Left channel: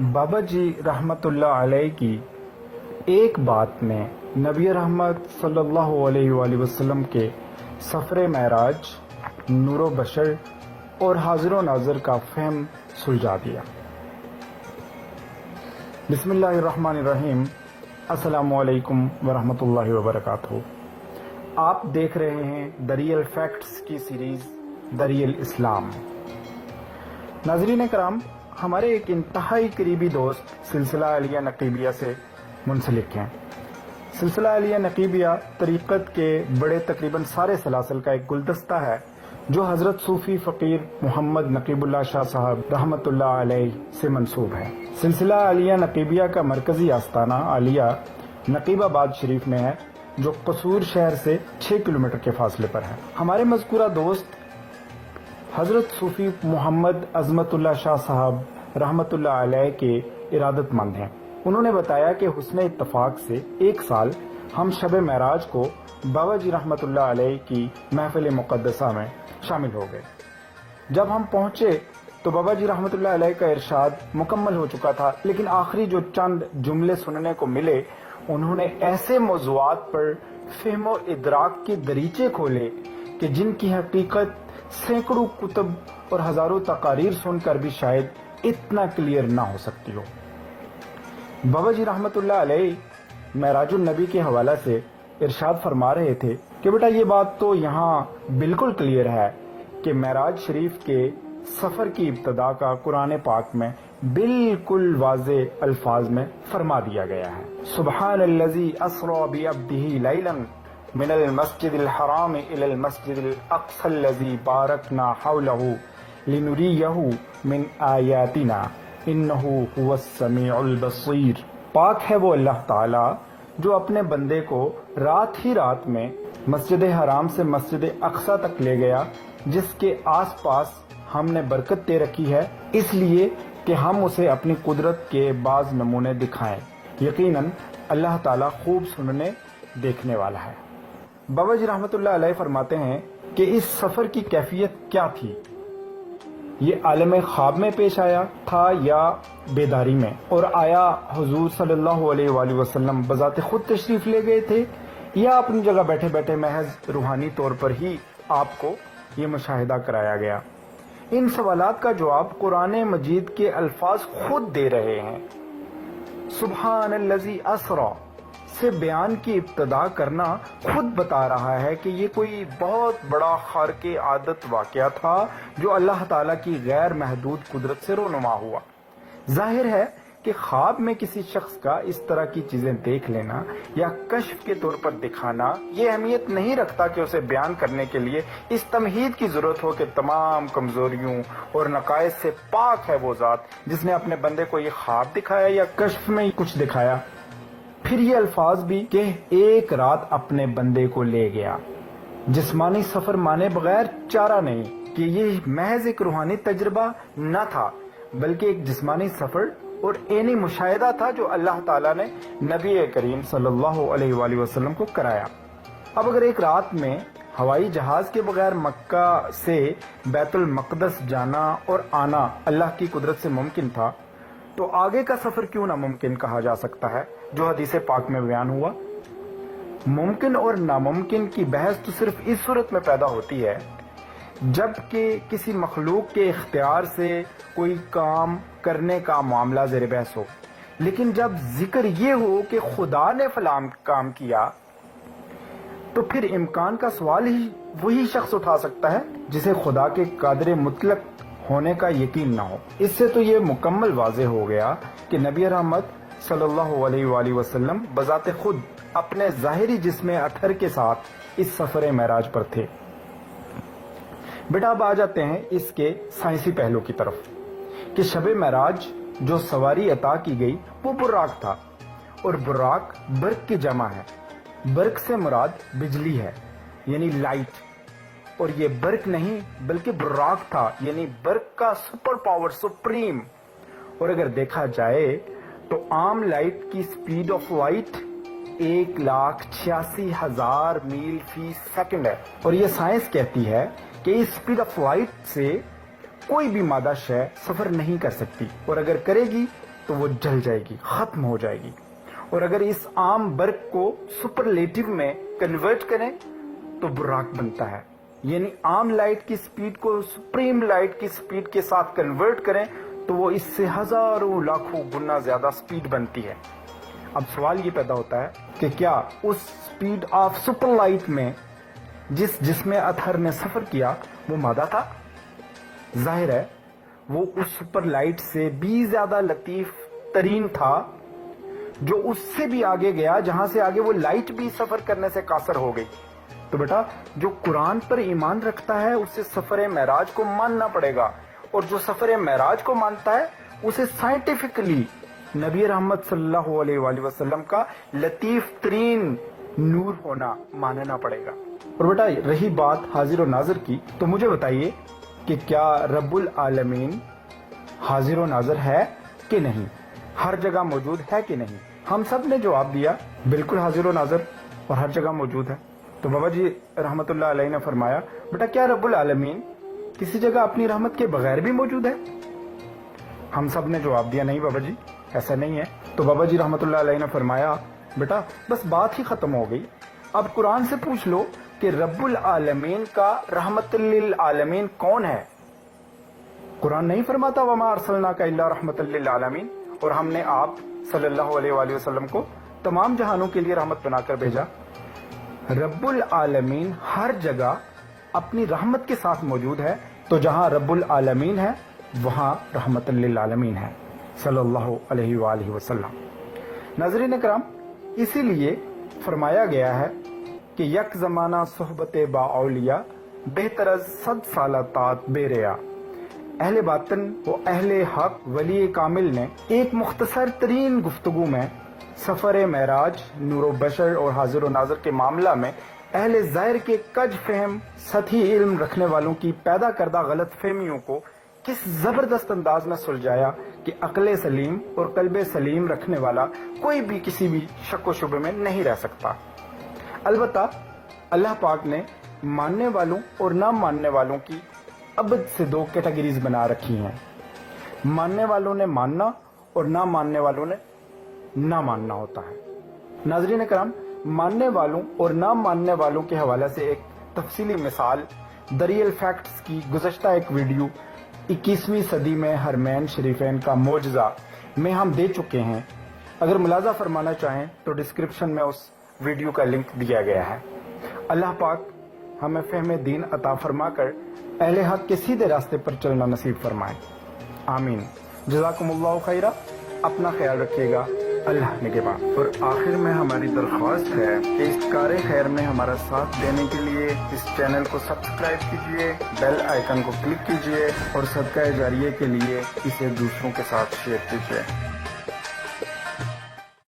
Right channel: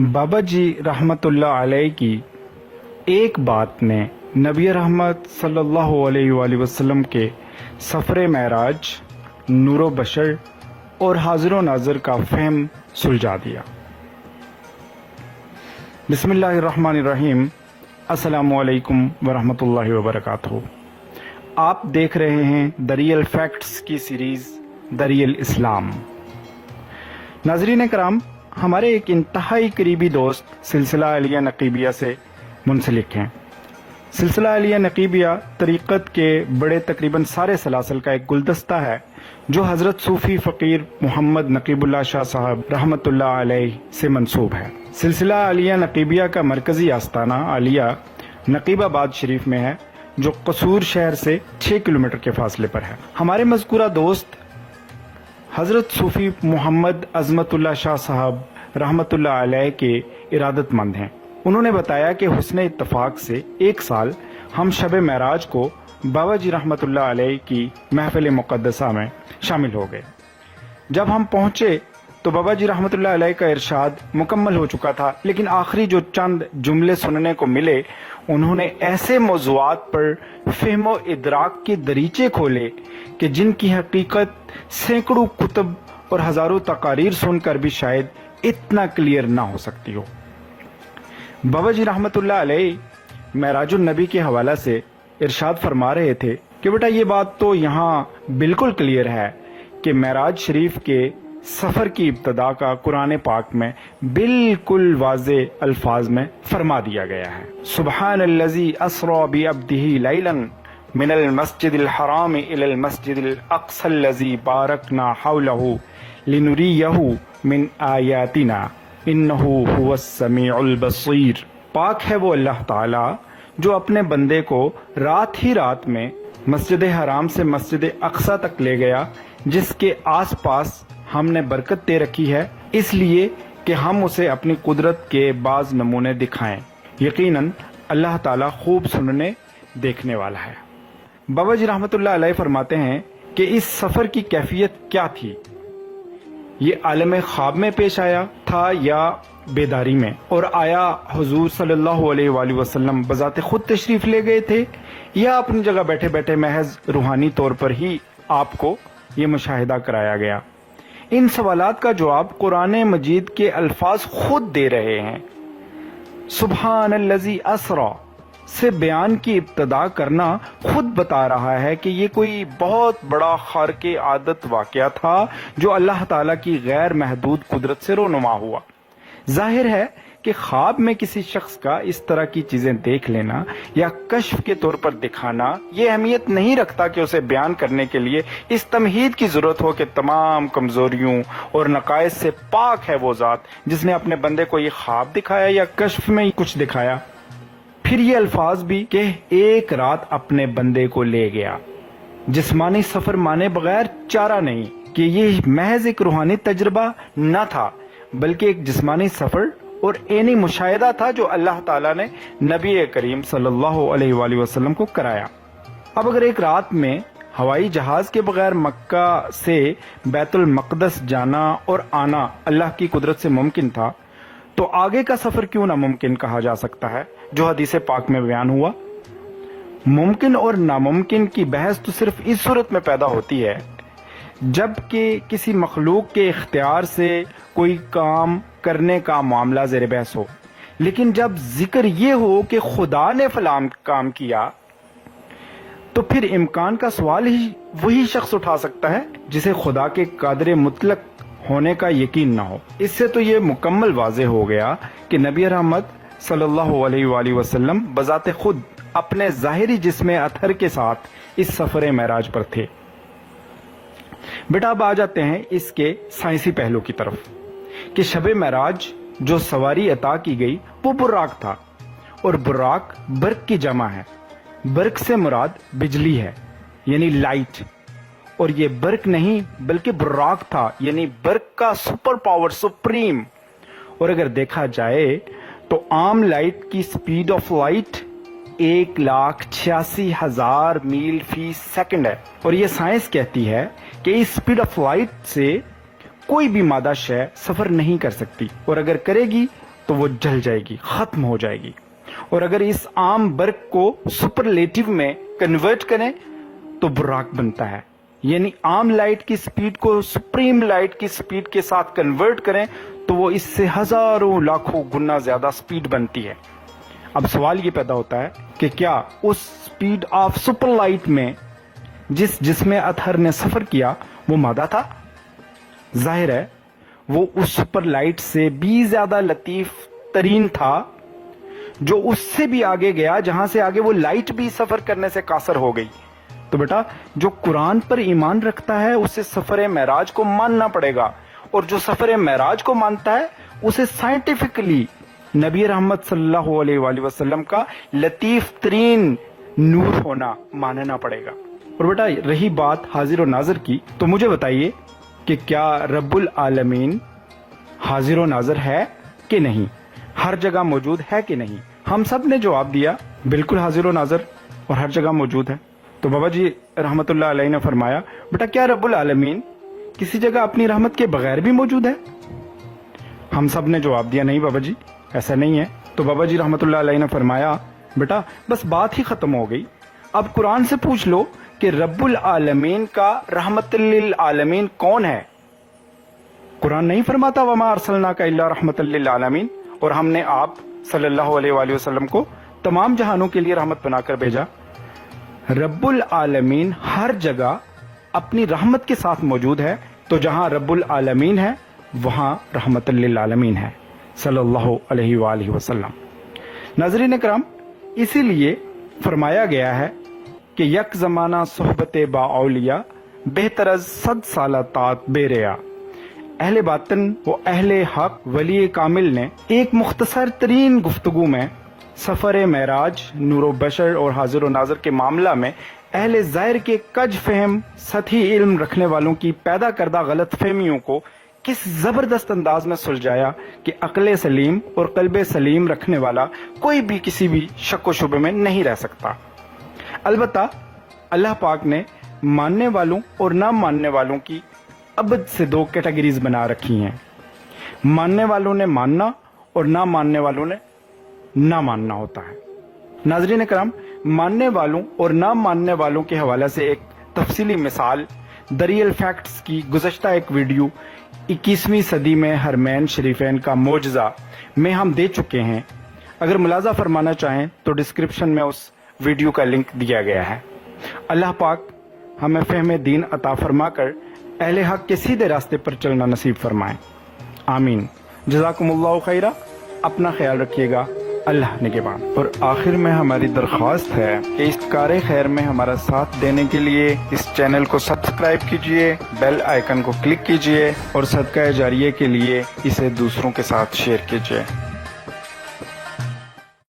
बाबा जी रहमतुल्लाह अलैह की एक बात ने नबी रहमत सल्लल्लाहु अलैहि वसल्लम के सफ़र मेराज, नूरो बशर और हाजिर नाज़र का फहम सुलझा दिया। बिस्मिल्लाहिर्रहमानिर्रहीम। अस्सलामु अलैकुम वरहमतुल्लाहि वबरकातुहू। आप देख रहे हैं दरियल फैक्ट्स की सीरीज़ दरियल इस्लाम। नाज़रीन कराम, हमारे एक इंतहाई करीबी दोस्त सिलसिला अलिया नकीबिया से मुंसलिक हैं। सिलसिला अलिया नकीबिया तरीक़त के बड़े तकरीबन सारे सलासल का एक गुलदस्ता है जो हज़रत सूफ़ी फ़कीर मोहम्मद नकीबुल्लाह शाह साहब रहमतुल्लाह अलैह से मंसूब है। सिलसिला अलिया नकीबिया का मरकज़ी आस्ताना अलिया नकीबाबाद शरीफ में है, जो कसूर शहर से 6 किलोमीटर के फासले पर है। हमारे मज़कूरा दोस्त हज़रत सूफ़ी मोहम्मद अज़मतुल्लाह शाह साहब रहमतुल्लाह अलैह के इरादतमंद हैं। उन्होंने बताया कि हुस्ने इत्तफाक से एक साल हम शब मेराज को बाबा जी रहमतुल्लाह अलैह की महफिल मुक़द्दसा में शामिल हो गए। जब हम पहुंचे तो बाबा जी रहमतुल्लाह अलैह का इरशाद मुकम्मल हो चुका था, लेकिन आखिरी जो चंद जुमले सुनने को मिले, उन्होंने ऐसे मौज़ूआत पर फ़हम व इदराक के दरीचे खोले कि जिनकी हकीकत सैकड़ों कुतुब और हज़ारों तकारीर सुनकर भी शायद इतना क्लियर ना हो सकती हो। बाबा जी रहमतुल्लाह अलैह मेराजुन नबी के हवाला से इरशाद फरमा रहे थे कि बेटा, ये बात तो यहाँ बिल्कुल क्लियर है कि मेराज शरीफ के सफ़र की इब्तदा का कुरान पाक में बिल्कुल वाज़े अल्फाज में फरमा दिया गया है। सुब्हानल्लज़ी अस्रा बि अब्दिही लैलन मिनल मस्जिदिल हराम इलल मस्जिदिल अक़सल्लज़ी बारकना हौलहू लिनुरियहू मिन आयातिना इन्नहू हुवस समीउल बसीर। पाक है वो अल्लाह ताला जो अपने बंदे को रात ही रात में मस्जिद हराम से मस्जिद अक़सा तक ले गया, जिसके आस पास हमने बरकत दे रखी है, इसलिए कि हम उसे अपनी कुदरत के बाज़ नमूने दिखाएं। यकीनन अल्लाह ताला खूब सुनने देखने वाला है। बाबा जी रहमतुल्लाह अलैह फरमाते हैं कि इस सफ़र की कैफियत क्या थी। ये आलम ख्वाब में पेश आया था या बेदारी में, और आया हुजूर सल्लल्लाहु अलैहि वसल्लम बज़ाते खुद तशरीफ़ ले गए थे, या अपनी जगह बैठे बैठे महज रूहानी तौर पर ही आपको ये मुशाहिदा कराया गया। इन सवालात का जवाब कुरान मजीद के अल्फाज खुद दे रहे हैं। सुब्हानल्लज़ी अस्रा से बयान की इब्तदा करना खुद बता रहा है कि ये कोई बहुत बड़ा खारके आदत वाक़या था जो अल्लाह ताला की गैर महदूद कुदरत से रोनुमा हुआ। जाहिर है कि ख्वाब में किसी शख्स का इस तरह की चीजें देख लेना या कश्फ के तौर पर दिखाना ये अहमियत नहीं रखता कि उसे बयान करने के लिए इस तमहीद की जरूरत हो कि तमाम कमजोरियों और नकाइस से पाक है वो ज़ात जिसने अपने बंदे को ये ख्वाब दिखाया या कश्फ में कुछ दिखाया। फिर ये अल्फाज भी कि एक रात अपने बंदे को ले गया। जिस्मानी सफर माने बगैर चारा नहीं कि ये महज एक रूहानी तजुर्बा न था, बल्कि एक जिस्मानी सफर और एनी मुशाहिदा था जो अल्लाह ताला ने नबी करीम सल्लल्लाहु अलैहि वसल्लम को कराया। अब अगर एक रात में हवाई जहाज के बगैर मक्का से बैतुल मक़दस जाना और आना अल्लाह की कुदरत से मुमकिन था, तो आगे का सफर क्यों नामुमकिन कहा जा सकता है जो हदीस पाक में बयान हुआ। मुमकिन और नामुमकिन की बहस तो सिर्फ इस सूरत में पैदा होती है जबकि किसी मखलूक के इख्तियार से कोई काम करने का मामला ज़ेर बहस हो। लेकिन जब जिक्र ये हो कि खुदा ने फलां काम किया, तो फिर इम्कान का सवाल ही वही शख्स उठा सकता है जिसे खुदा के कादर मुतलक होने का यकीन ना हो। इससे तो ये मुकम्मल वाज़े हो गया कि नबी रहमत सल्लल्लाहु अलैहि वसल्लम बज़ाते खुद अपने ज़ाहिरी जिस्म अतहर के साथ इस सफ़र मेराज पर थे। बेटा, अब आ जाते हैं इसके साइंसी पहलू की तरफ कि शब मेराज जो सवारी अता की गई वो बुर्राक था, और बुर्राक बर्क की जमा है। बर्क से मुराद बिजली है, यानी लाइट, और ये बर्क नहीं बल्कि बुर्राक था, यानी बर्क का सुपर पावर, सुप्रीम। और अगर देखा जाए तो आम लाइट की स्पीड ऑफ लाइट 1,86,000 मील फी सेकंड है, और ये साइंस कहती है कि इस स्पीड ऑफ लाइट से कोई भी मादा शय सफर नहीं कर सकती, और अगर करेगी تو وہ جل جائے گی، ختم ہو جائے گی. اور اگر اس عام برق کو سپرلیٹو میں کنورٹ کریں تو براق بنتا ہے. یعنی عام لائٹ کی سپیڈ کو سپریم لائٹ کی سپیڈ کے ساتھ کنورٹ کریں تو وہ اس سے ہزاروں لاکھوں گنا زیادہ سپیڈ بنتی ہے. اب سوال یہ پیدا ہوتا ہے کہ کیا اس سپیڈ آف سپر لائٹ میں جس جسم اطہر نے سفر کیا وہ مادہ تھا؟ ظاہر ہے وہ اس سپر لائٹ سے بھی زیادہ لطیف ترین تھا، جو اس سے بھی آگے گیا، جہاں سے آگے وہ لائٹ بھی سفر کرنے سے قاصر ہو گئی. تو بیٹا جو قرآن پر ایمان رکھتا ہے اسے سفر معراج کو ماننا پڑے گا، اور جو سفر معراج کو مانتا ہے اسے سائنٹیفکلی نبی رحمت صلی اللہ علیہ وآلہ وسلم کا لطیف ترین نور ہونا ماننا پڑے گا. اور بیٹا رہی بات حاضر و ناظر کی، تو مجھے بتائیے کہ کیا رب العالمین حاضر و ناظر ہے کہ نہیں، ہر جگہ موجود ہے کہ نہیں؟ ہم سب نے جواب دیا بالکل حاضر و ناظر اور ہر جگہ موجود ہے. تو بابا جی رحمت اللہ علیہ نے فرمایا بیٹا کیا رب العالمین کسی جگہ اپنی رحمت کے بغیر بھی موجود ہے؟ ہم سب نے جواب دیا نہیں بابا جی ایسا نہیں ہے. تو بابا جی رحمت اللہ علیہ نے فرمایا بیٹا بس بات ہی ختم ہو گئی، اب قرآن سے پوچھ لو کہ رب العالمین کا رحمت للعالمین کون ہے؟ قرآن نہیں فرماتا وما ارسلناک الا رحمت للعالمین، اور ہم نے آپ صلی اللہ علیہ وآلہ وسلم کو تمام جہانوں کے لیے رحمت بنا کر بھیجا. رب العالمین ہر جگہ اپنی رحمت کے ساتھ موجود ہے، تو جہاں رب العالمین ہے وہاں رحمت للعالمین ہے صلی اللہ علیہ وآلہ وسلم. ناظرین کرام، اسی لیے فرمایا گیا ہے کہ یک زمانہ صحبت با اولیاء بہتر از 100 سالہ طاعت بے ریا. اہل باطن و اہل حق ولی کامل نے ایک مختصر ترین گفتگو میں سفر معراج، نور و بشر اور حاضر و ناظر کے معاملہ میں اہل ظاہر کے کج فہم سطحی علم رکھنے والوں کی پیدا کردہ غلط فہمیوں کو کس زبردست انداز میں سلجھایا کہ عقل سلیم اور قلب سلیم رکھنے والا کوئی بھی کسی بھی شک و شبے میں نہیں رہ سکتا. البتہ اللہ پاک نے ماننے والوں اور نہ ماننے والوں کی ابد سے 2 کیٹیگریز بنا رکھی ہیں. ماننے والوں نے ماننا اور نہ ماننے والوں نے نہ ماننا ہوتا ہے. ناظرین کرام، ماننے والوں اور نہ ماننے والوں کے حوالے سے ایک تفصیلی مثال دریل فیکٹس کی گزشتہ ایک ویڈیو 21ویں صدی میں حرمین شریفین کا معجزہ میں ہم دے چکے ہیں. اگر ملاحظہ فرمانا چاہیں تو ڈسکرپشن میں اس ویڈیو کا لنک دیا گیا ہے. اللہ پاک ہمیں فہم دین عطا فرما کر اہل حق کے سیدھے راستے پر چلنا نصیب فرمائیں. آمین. جزاکم اللہ خیرہ. اپنا خیال رکھیے گا. اللہ نگہبان. اور آخر میں ہماری درخواست ہے کہ اس کار خیر میں ہمارا ساتھ دینے کے لیے اس چینل کو سبسکرائب کیجئے، بیل آئیکن کو کلک کیجئے اور صدقہ جاریہ کے لیے اسے دوسروں کے ساتھ شیئر کیجئے.